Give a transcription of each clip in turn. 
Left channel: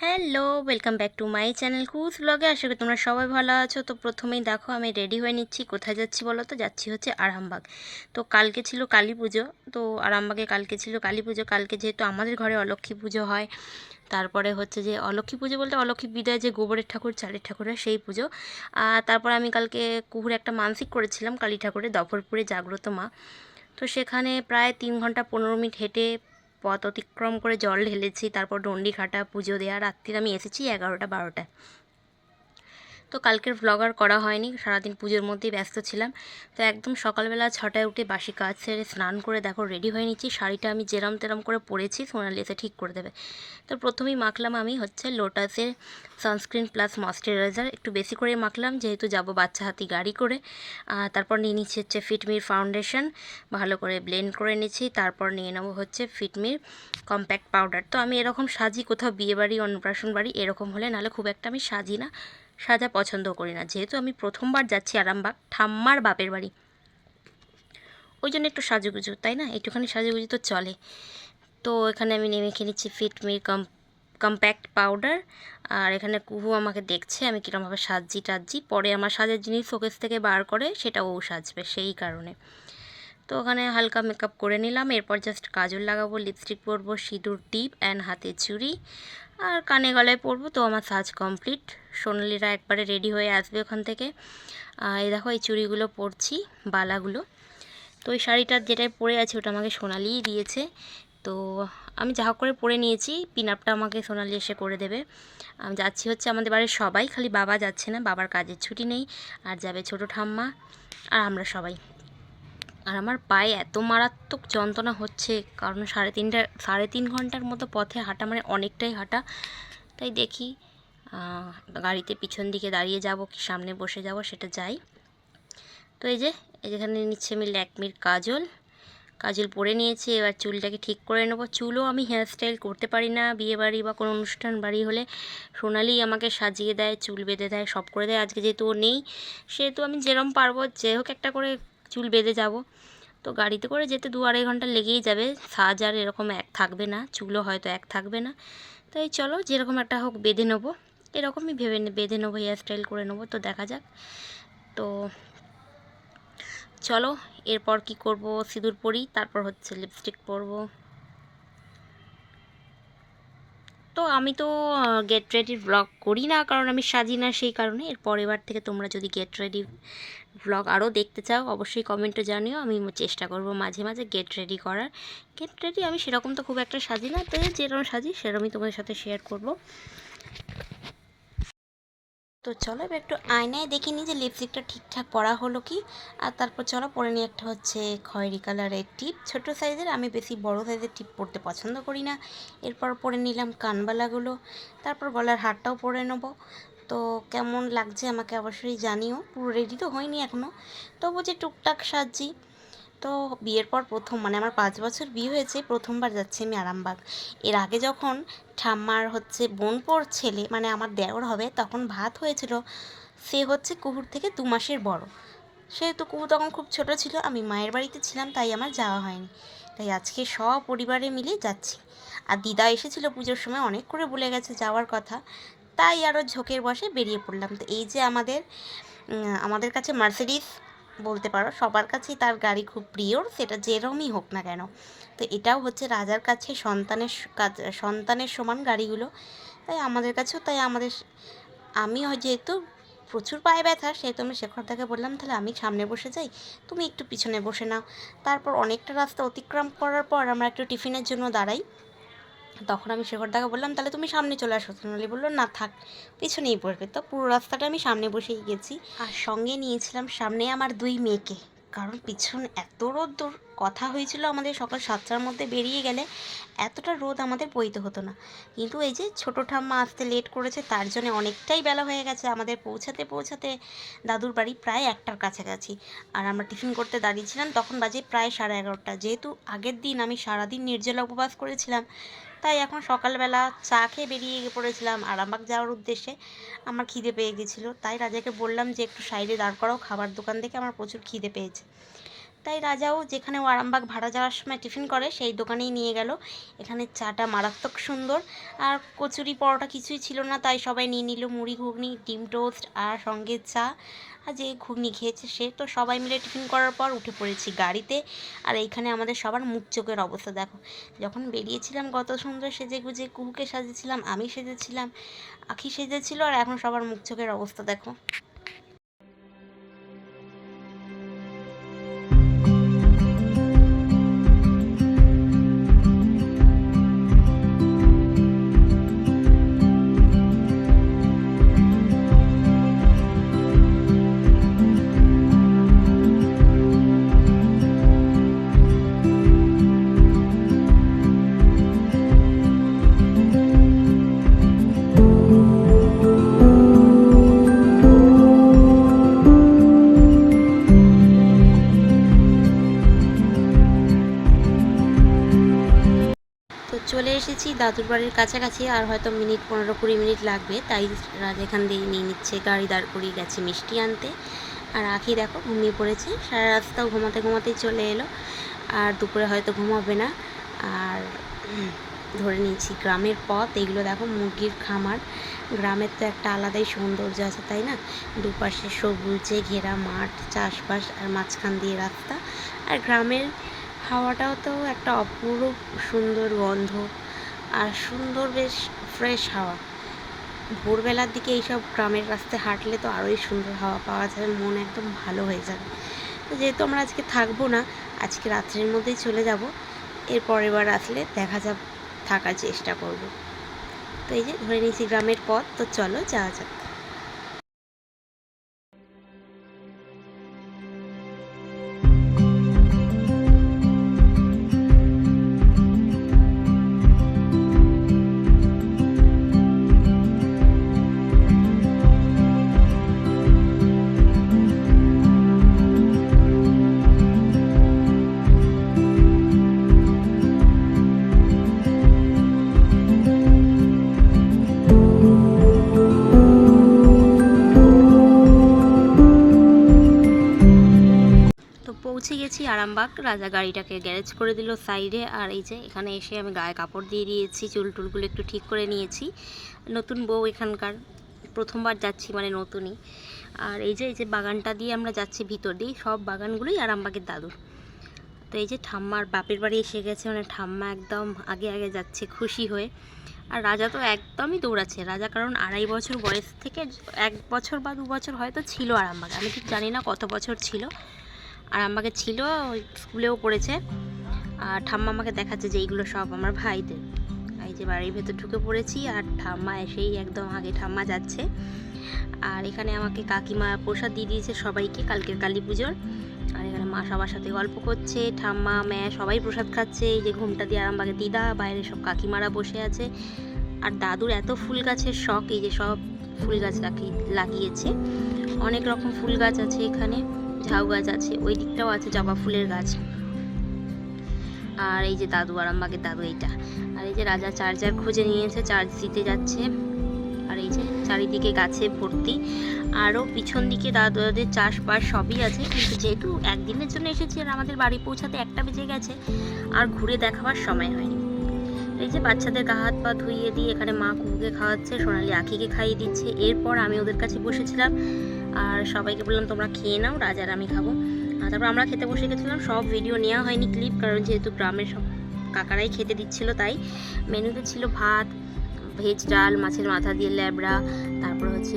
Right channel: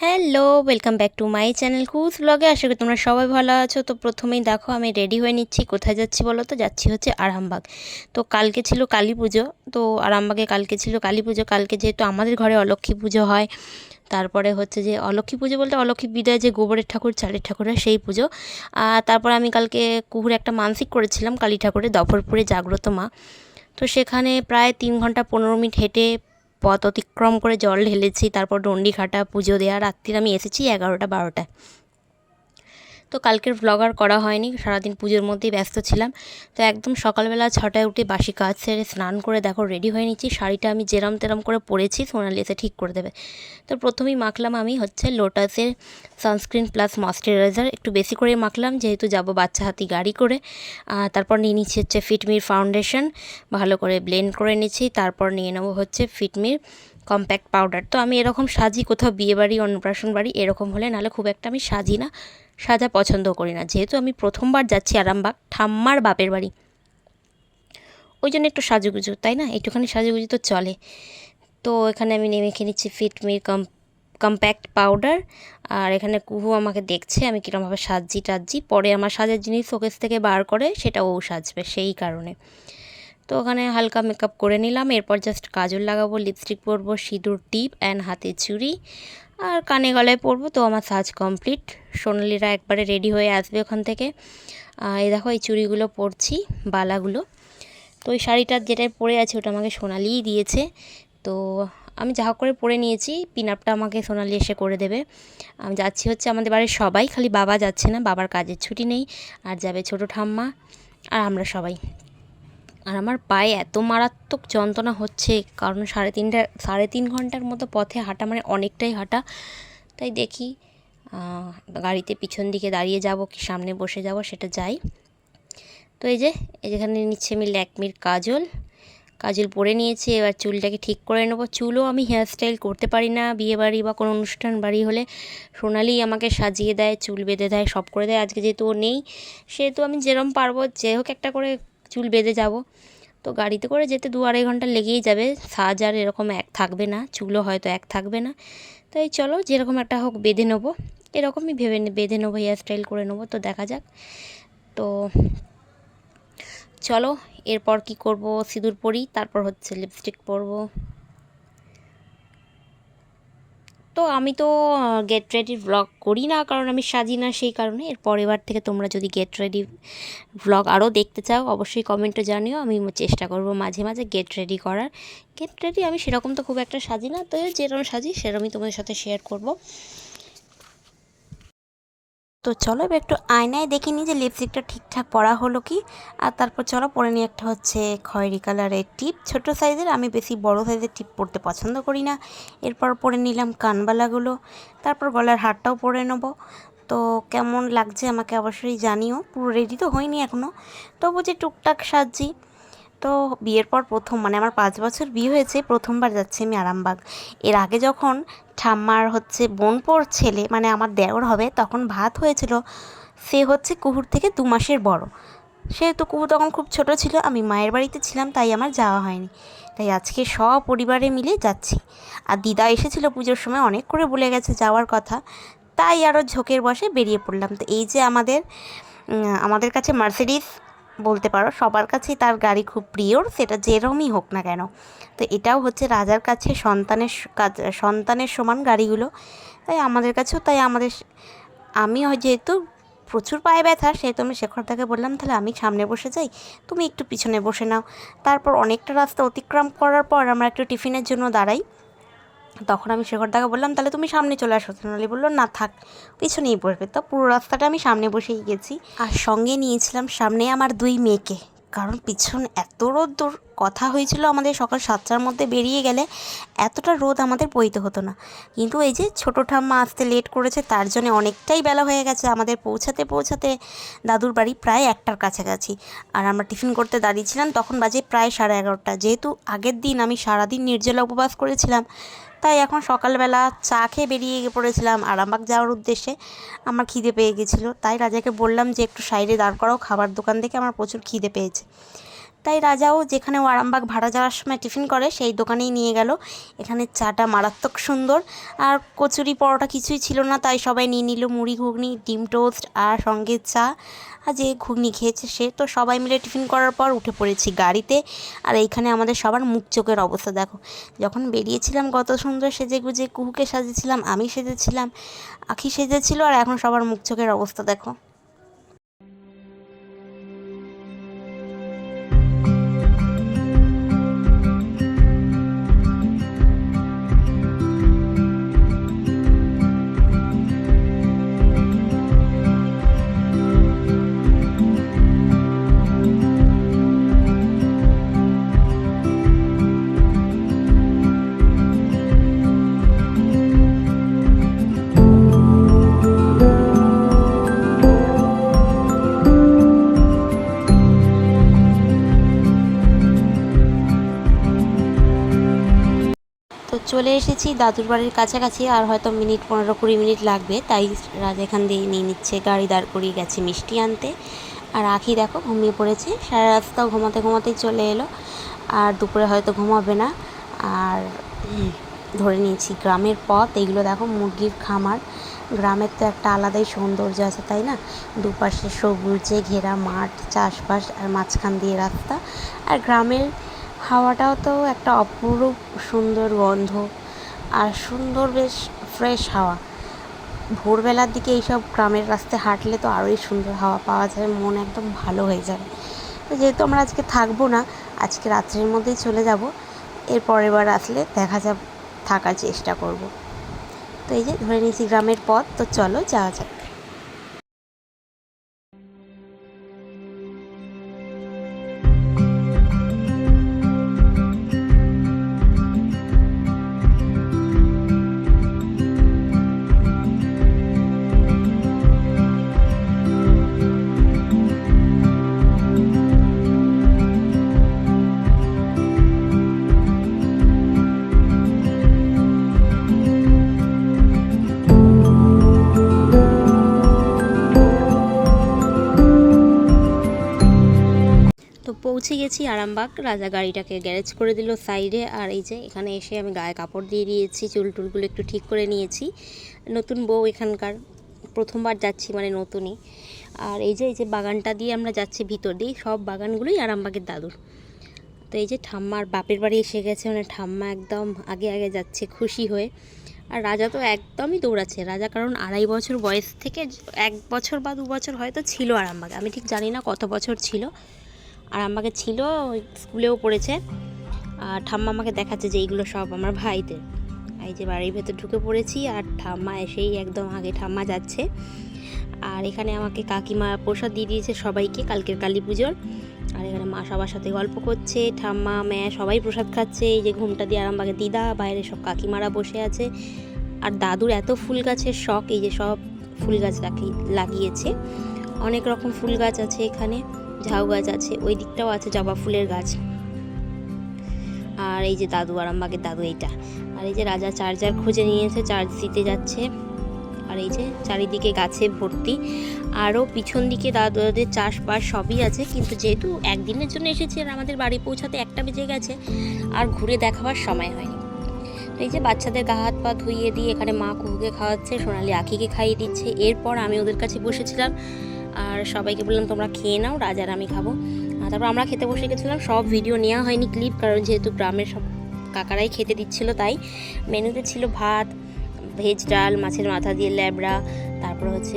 Hello, welcome back to my channel কুজ ব্লগে। আশা করি তোমরা সবাই ভালো আছো। তো প্রথমেই দেখো, আমি রেডি হয়ে নিচ্ছি। কোথায় যাচ্ছি বলো তো? যাচ্ছি হচ্ছে আরামবাগ। তো কালকে ছিল কালী পুজো। তো আরামবাগে কালকে ছিল কালী পুজো। কালকে যেহেতু আমাদের ঘরে অলক্ষ্মী পুজো হয়, তারপরে হচ্ছে যে অলক্ষ্মী পুজো বলতে অলক্ষ্মী বিদায় যে গোবরের ঠাকুর, চালের ঠাকুরের সেই পুজো। তারপরে আমি কালকে কুহুরে একটা মানসিক করেছিলাম, কালী ঠাকুরের দফরপুরে জাগ্রত মা। তো সেখানে প্রায় তিন ঘণ্টা পনেরো মিনিট হেঁটে পথ অতিক্রম করে জল ঢেলেছি, তারপর ডন্ডি খাটা, পুজো দেওয়া, রাত্রির আমি এসেছি এগারোটা, বারোটায়। তো কালকের ব্লগ আর করা হয়নি, সারাদিন পুজোর মধ্যেই ব্যস্ত ছিলাম। তো একদম সকালবেলা ছটায় উঠে বাসি কাজ সেরে স্নান করে দেখো রেডি হয়ে নিচ্ছি। শাড়িটা আমি যেরম তেরম করে পরেছি, সোনালি এসে ঠিক করে দেবে। তো প্রথমেই মাখলাম আমি হচ্ছে লোটাসের সানস্ক্রিন প্লাস ময়শ্চারাইজার একটু বেশি করে মাখলাম, যেহেতু যাব বাচ্চা হাতি গাড়ি করে। তারপর নিয়ে নিচ্ছি হচ্ছে ফিটমির ফাউন্ডেশন ভালো করে ব্লেন্ড করে নিচ্ছি, তারপর নিয়ে নেব হচ্ছে ফিটমির কম্প্যাক্ট পাউডার তো আমি এরকম সাজি কোথাও বিয়েবাড়ি, অন্নপ্রাশন বাড়ি এরকম হলে, নাহলে খুব একটা আমি সাজি না। সাজা পছন্দ করি না। যেহেতু আমি প্রথমবার যাচ্ছি আরামবাগ, ঠাম্মার বাপের বাড়ি। ওই জন্য একটু সাজুগুজু, তাই না? একটুখানি সাজুগুজু তো চলে। তো এখানে আমি নেমে খেয়ে নিচ্ছি ফিটমির কম কম্প্যাক্ট পাউডার আর এখানে কুহু আমাকে দেখছে, আমি কীরকমভাবে সাজছি টাজছি পরে আমার সাজার জিনিস শোকেস থেকে বার করে, সেটা ও সাজবে সেই কারণে। তো ওখানে হালকা মেকআপ করে নিলাম, এরপর জাস্ট কাজল লাগাবো লিপস্টিক পরবো, সিঁদুর, টিপ অ্যান্ড হাতে চুড়ি। আর কানে গলায় পরবো তো আমার সাজ কমপ্লিট। সোনালিরা একবারে রেডি হয়ে আসবে ওখান থেকে। এই দেখো, এই চুড়িগুলো পরছি, বালাগুলো। তো ওই শাড়িটা যেটাই পরে আছে ওটা আমাকে সোনালিই দিয়েছে। তো আমি যা করে পরে নিয়েছি পিন আপটা আমাকে সোনালি এসে করে দেবে। আমি যাচ্ছি হচ্ছে আমাদের বাড়ির সবাই, খালি বাবা যাচ্ছে না, বাবার কাজের ছুটি নেই, আর যাবে ছোটো ঠাম্মা, আর আমরা সবাই। আর আমার পায়ে এত মারাত্মক যন্ত্রণা হচ্ছে, কারণ সাড়ে তিনটা, সাড়ে তিন ঘণ্টার মতো পথে হাঁটা মানে অনেকটাই হাঁটা। তাই দেখি গাড়িতে পিছন দিকে দাঁড়িয়ে যাব কি সামনে বসে যাব সেটা যাই। তো এই যে যেখানে নিচ্ছে আমি ল্যাকমির কাজল। কাজল পরে নিয়েছি, এবার চুলটাকে ঠিক করে নেব। চুলও আমি হেয়ারস্টাইল করতে পারি না, বিয়ে বাড়ি বা কোনো অনুষ্ঠান বাড়ি হলে। সোনালি আমাকে সাজিয়ে দেয়, চুল বেঁধে দেয়, সব করে দেয়। আজকে যেহেতু ও নেই, সেহেতু আমি যেরম পারব, যে হোক একটা করে চুল বেঁধে যাব। তো গাড়িতে করে যেতে দু আড়াই ঘণ্টা লেগেই যাবে। সাজ আর এরকম এক থাকবে না, চুলও হয়তো এক থাকবে না। তাই চলো যেরকম একটা হোক বেঁধে নেব। এরকমই ভেবে বেঁধে নেব হেয়ার স্টাইল করে নেব। তো দেখা যাক। তো চলো, এরপর কি করব? সিঁদুর পরি, তারপর হচ্ছে লিপস্টিক পরবো। তো আমি তো গেট রেডি ব্লগ করি না, কারণ আমি সাজি না সেই কারণে। এর পরের থেকে তোমরা যদি গেট রেডি ব্লগ আরও দেখতে চাও, অবশ্যই কমেন্টে জানিও। আমি চেষ্টা করব মাঝে মাঝে গেট রেডি করার। গেট রেডি আমি সেরকম তো খুব একটা সাজি না, তো যেরকম সাজি সেরকমই তোমাদের সাথে শেয়ার করব। তো চলো এবার একটু আয়নায় দেখে নিই যে লিপস্টিকটা ঠিকঠাক পরা হলো কি। আর তারপর চলো পরে নিয়ে একটা হচ্ছে খয়েরি কালারের টিপ। ছোট সাইজের আমি বেশি বড় সাইজের টিপ পরতে পছন্দ করি না। এরপর পরে নিলাম কানবালাগুলো। তারপর গলার হারটাও পরে নেব। তো কেমন লাগছে আমাকে অবশ্যই জানিও। পুরো রেডি তো হয়নি এখনও তবু যে টুকটাক সাজছি। তো বিয়ের পর প্রথম মানে আমার পাঁচ বছর বিয়ে হয়েছে, প্রথমবার যাচ্ছি আমি আরামবাগ। এর আগে যখন ঠাম্মার হচ্ছে বোনপোর ছেলে মানে আমার দেওর হবে, তখন ভাত হয়েছিল, সে হচ্ছে কুহুর থেকে দু মাসের বড়। সেহেতু কুহু তখন খুব ছোট ছিল, আমি মায়ের বাড়িতে ছিলাম, তাই আমার যাওয়া হয়নি। তাই আজকে সপরিবারে মিলে যাচ্ছি। আর দিদা এসেছিল পুজোর সময়, অনেক করে বলে গেছে যাওয়ার কথা। তাই আরও ঝোঁকের বসে বেরিয়ে পড়লাম। তো এই যে আমাদের আমাদের কাছে মার্সিডিস বলতে পারো, সবার কাছেই তার গাড়ি খুব প্রিয়, সেটা যেরমই হোক না কেন। তো এটাও হচ্ছে রাজার কাছে সন্তানের সন্তানের সমান গাড়িগুলো। তাই আমাদের কাছেও তাই, আমাদের আমি যেহেতু প্রচুর পায়ে ব্যথা, সেহেতু আমি শেখরদাকে বললাম, তাহলে আমি সামনে বসে যাই, তুমি একটু পিছনে বসে নাও। তারপর অনেকটা রাস্তা অতিক্রম করার পর আমরা একটু টিফিনের জন্য দাঁড়াই। তখন আমি শেখরদাকে বললাম, তাহলে তুমি সামনে চলে আসো। সোনালি বলল, না, থাক পিছনেই পড়বে। তো পুরো রাস্তাটা আমি সামনে বসেই গেছি। আর সঙ্গে নিয়েছিলাম সামনে আমার দুই মেয়েকে, কারণ পিছন এত রোদ কথা হয়েছিল আমাদের সকাল সাতটার মধ্যে বেরিয়ে গেলে এতটা রোদ আমাদের বইতে হতো না। কিন্তু এই যে ছোটো ঠাম্মা আসতে লেট করেছে, তার জন্য অনেকটাই বেলা হয়ে গেছে। আমাদের পৌঁছাতে পৌঁছাতে দাদুর বাড়ি প্রায় একটার কাছাকাছি। আর আমরা টিফিন করতে দাঁড়িয়েছিলাম, তখন বাজে প্রায় সাড়ে এগারোটা। যেহেতু আগের দিন আমি সারাদিন নির্জলা উপবাস করেছিলাম তাই এখন সকালবেলা চা খেয়ে বেরিয়ে পড়েছিলাম আরামবাগ যাওয়ার উদ্দেশ্যে। আমার খিদে পেয়ে গেছিল। তাই রাজাকে বললাম যে, একটু সাইডে দাঁড় করাও, খাবার দোকান দেখে আমার প্রচুর খিদে পেয়েছে। তাই রাজাও যেখানে ও আরামবাগ ভাড়া যাওয়ার সময় টিফিন করে, সেই দোকানেই নিয়ে গেল। এখানে চাটা মারাত্মক সুন্দর। আর কচুরি পরোটা কিছুই ছিল না, তাই সবাই নিয়ে নিল মুড়ি, ঘুগনি, ডিম টোস্ট আর সঙ্গে চা। আর যে ঘুগনি খেয়েছে সে, তো সবাই মিলে টিফিন করার পর উঠে পড়েছি গাড়িতে। আর এইখানে আমাদের সবার মুখ চোখের অবস্থা, দেখো। যখন বেরিয়েছিলাম গত সুন্দর সেজে গুজে কুহুকে সাজেছিলাম, আমি সেজেছিলাম, আখি সেজেছিল, আর এখন সবার মুখ চোখের অবস্থা, দেখো। চলে এসেছি দাদুর বাড়ির কাছাকাছি, আর হয়তো মিনিট পনেরো কুড়ি মিনিট লাগবে। তাই রাজ এখান দিয়ে নিয়ে নিচ্ছে, গাড়ি দাঁড় করিয়ে গেছে মিষ্টি আনতে। আর আখি দেখো ঘুমিয়ে পড়েছে, সারা রাস্তাও ঘুমাতে ঘুমাতেই চলে এলো। আর দুপুরে হয়তো ঘুমাবে না। আর ধরে নিয়েছি গ্রামের পথ এইগুলো দেখো মুরগির খামার। গ্রামের তো একটা আলাদাই সৌন্দর্য আছে, তাই না? দুপাশে সবুজে ঘেরা মাঠ, চাষবাস আর মাঝখান দিয়ে রাস্তা। আর গ্রামের হাওয়াটাও তো একটা অপরূপ সুন্দর গন্ধ আর সুন্দর বেশ ফ্রেশ হাওয়া। ভোরবেলার দিকে এইসব গ্রামের রাস্তায় হাঁটলে তো আরোই সুন্দর হাওয়া পাওয়া যায়, মন একদম ভালো হয়ে যাবে তো যেহেতু আমরা আজকে থাকব না, আজকে রাত্রের মধ্যেই চলে যাব এর পরের বার আসলে দেখা যাব থাকার চেষ্টা করব। তো এই যে, ধরে নিয়েছি গ্রামের পথ, তো চলো যাওয়া যাক। পৌঁছে গেছি আরামবাগ। রাজা গাড়িটাকে গ্যারেজ করে দিল সাইডে। আর এই যে এখানে এসে আমি গায়ে কাপড় দিয়ে দিয়েছি, চুল টুলগুলো একটু ঠিক করে নিয়েছি। নতুন বউ এখানকার, প্রথমবার যাচ্ছি মানে নতুনই। আর এই যে এই যে বাগানটা দিয়ে আমরা যাচ্ছি ভিতর দিয়ে সব বাগানগুলোই আরামবাগের দাদুর। তো এই যে ঠাম্মার বাপের বাড়ি এসে গেছে মানে ঠাম্মা একদম আগে আগে যাচ্ছে খুশি হয়ে। আর রাজা তো একদমই দৌড়াচ্ছে। রাজা কারণ আড়াই বছর বয়স থেকে, এক বছর বা দু বছর হয়তো ছিল আরামবাগে। আমি ঠিক জানি না কত বছর ছিল। আর আমাকে ছিল স্কুলেও পড়েছে। আর ঠাম্মা আমাকে দেখাচ্ছে যে এইগুলো সব আমার ভাইদের। এই যে বাড়ির ভেতর ঢুকে পড়েছি আর ঠাম্মা এসেই একদম আগে ঠাম্মা যাচ্ছে। আর এখানে আমাকে কাকিমা প্রসাদ দিয়ে দিয়েছে সবাইকে কালকের কালী পুজোর। আর এখানে মা সবার সাথে গল্প করছে, ঠাম্মা, ম্যা সবাই প্রসাদ খাচ্ছে। এই যে ঘুমটা দিয়ে আরামবাগে দিদা, বাইরে সব কাকিমারা বসে আছে। আর দাদুর এত ফুল গাছের শখ, এই যে সব ফুল গাছ লাগিয়েছে। অনেক রকম ফুল গাছ আছে এখানে। ঝাউ গাছ আছে, ওই দিকটাও আছে জবা ফুলের গাছ। আর এই যে দাদু আরামবাগের দাদু এইটা। আর এই যে রাজা চার্জার খুঁজে নিয়েছে চার্জ দিতে যাচ্ছে। আর এই যে চারিদিকে গাছে ভর্তি। আরও পিছন দিকে দাদুদের চাষবাস সবই আছে, কিন্তু যেহেতু একদিনের জন্য এসেছি আর আমাদের বাড়ি পৌঁছাতে একটা বেজে গেছে, আর ঘুরে দেখাবার সময় হয়নি। এই যে বাচ্চাদের গা হাত পা ধুইয়ে দিয়ে এখানে মা কুকুকে খাওয়াচ্ছে, সোনালি আখিকে খাইয়ে দিচ্ছে। এরপর আমি ওদের কাছে বসেছিলাম আর সবাইকে বললাম, তোমরা খেয়ে নাও রাজার আমি খাব। তারপর আমরা খেতে বসে গেছিলাম। সব ভিডিও নেওয়া হয়নি ক্লিপ কারণ যেহেতু গ্রামের সব কাকারাই খেতে দিচ্ছিল, তাই মেনুতে ছিল ভাত ভেজ ডাল, মাছের মাথা দিয়ে ল্যাবড়া, তারপর হচ্ছে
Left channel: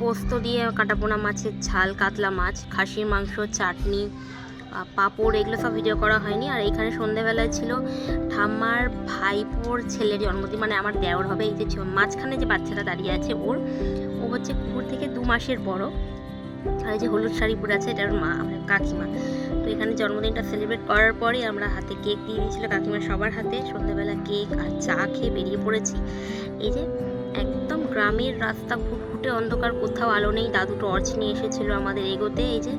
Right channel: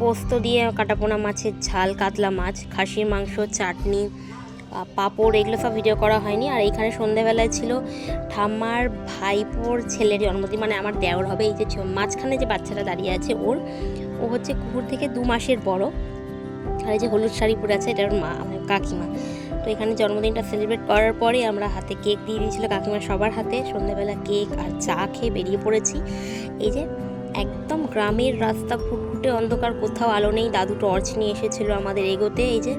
পোস্ত দিয়ে কাটাপোনা মাছের ঝাল, কাতলা মাছ, খাসির মাংস, চাটনি পাঁপড়, এগুলো সব ভিডিও করা হয়নি। আর এইখানে সন্ধ্যাবেলায় ছিল ঠাম্মার ভাইপোর ছেলের জন্মদিন মানে আমার দেওর হবে, এই যে মাঝখানে যে বাচ্চাটা দাঁড়িয়ে আছে ওর ও হচ্ছে কুকুর থেকে দু মাসের বড়। আর এই যে হলুদ শাড়ি পরে আছে, এটার মা, আমার কাকিমা। তো এখানে জন্মদিনটা সেলিব্রেট করার পরে আমরা হাতে কেক দিয়ে দিয়েছিল কাকিমা সবার হাতে। সন্ধ্যাবেলা কেক আর চা খেয়ে বেরিয়ে পড়েছি। এই যে একদম গ্রামের রাস্তা ঘুটঘুটে অন্ধকার, কোথাও আলো নেই। দাদু টর্চ নিয়ে এসেছিল আমাদের এগোতে। এই যে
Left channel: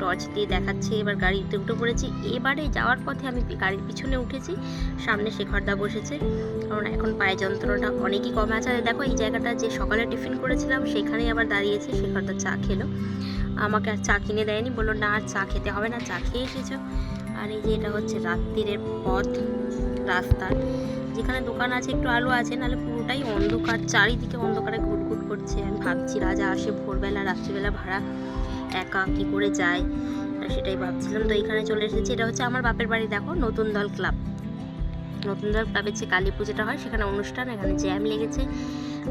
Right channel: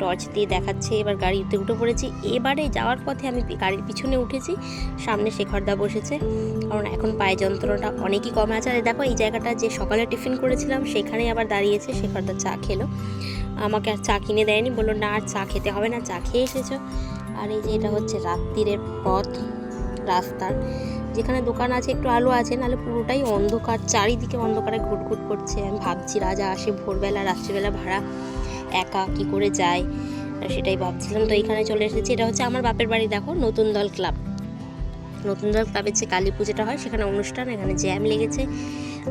টর্চ দিয়ে দেখাচ্ছে, এবার গাড়িতে উঠে পড়েছি। এবারে যাওয়ার পথে আমি গাড়ির পিছনে উঠেছি, সামনে শেখরদা বসেছে। কারণ এখন পায়ে যন্ত্রণাটা অনেকই কমে আছে। আর দেখো, এই জায়গাটা যে সকালে টিফিন করেছিলাম, সেখানেই আবার দাঁড়িয়েছে শেখরদা চা খেলো। আমাকে আর চা কিনে দেয়নি, বলল, না, আর চা খেতে হবে না, চা খেয়ে এসেছ। আর এই যে এটা হচ্ছে রাত্রিরের পথ রাস্তার যেখানে দোকান আছে, একটু আলো আছে, নাহলে পুরোটাই অন্ধকার, চারিদিকে অন্ধকারে ঘুটঘুট করছে। আমি ভাবছি, রাজা আসে ভোরবেলা, রাত্রিবেলা ভাড়া একা কি করে যায়? সেটাই ভাবছিলাম। তো এখানে চলে এসেছি। এটা হচ্ছে আমার বাপের বাড়ি, দেখো, নতুন দল ক্লাব। নতুন দল ক্লাবের যে কালী পুজোটা হয়, সেখানে অনুষ্ঠান, এখানে জ্যাম লেগেছে।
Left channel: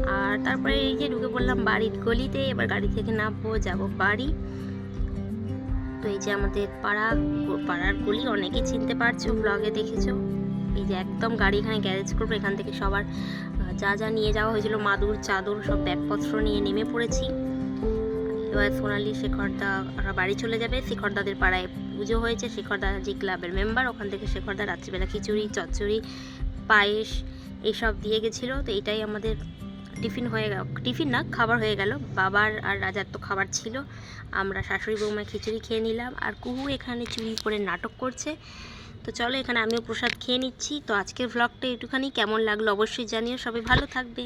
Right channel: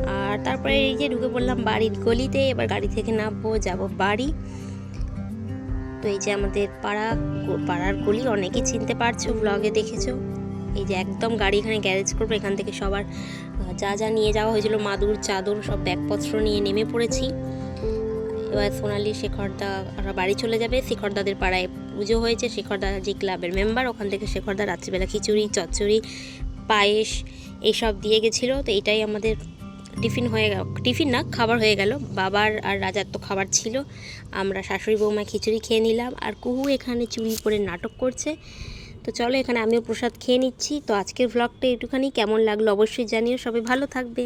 আর তারপরে এই যে ঢুকে পড়লাম বাড়ির গলিতে, এবার গাড়ি থেকে নামবো, যাব বাড়ি। তো এই যে আমাদের পাড়া, পাড়ার গলি, অনেকেই চিনতে পারছ ব্লগে দেখেছ। এই যে একদম গাড়ি এখানে গ্যারেজ করব, এখান থেকে সবার যা যা নিয়ে যাওয়া হয়েছিল, মাদুর, চাদর, সব ব্যাগপত্র নিয়ে নেমে পড়েছি। এবার সোনালি শেখরদা বাড়ি চলে যাবে। শেখরদাদের পাড়ায় পুজো হয়েছে। শেখরদা যে ক্লাবের মেম্বার ওখান থেকে শেখরদা রাত্রিবেলা খিচুড়ি, চচ্চড়ি, পায়েস এইসব দিয়ে গেছিল। তো এটাই আমাদের টিফিন হয়ে গেল। টিফিন না, খাবার হয়ে গেল। বাবার আর রাজার তো খাবার ছিল। আমরা শাশুড়ি বৌমা খিচুড়ি খেয়ে নিলাম। আর কুহু এখানে চুরি করে নাটক করছে। তো চলো এখানে আমিও প্রসাদ খেয়ে নিচ্ছি। তো আজকের ভ্লগটা একটুখানি কেমন লাগল অবশ্যই জানিও। সবাই ভালো থাকবে।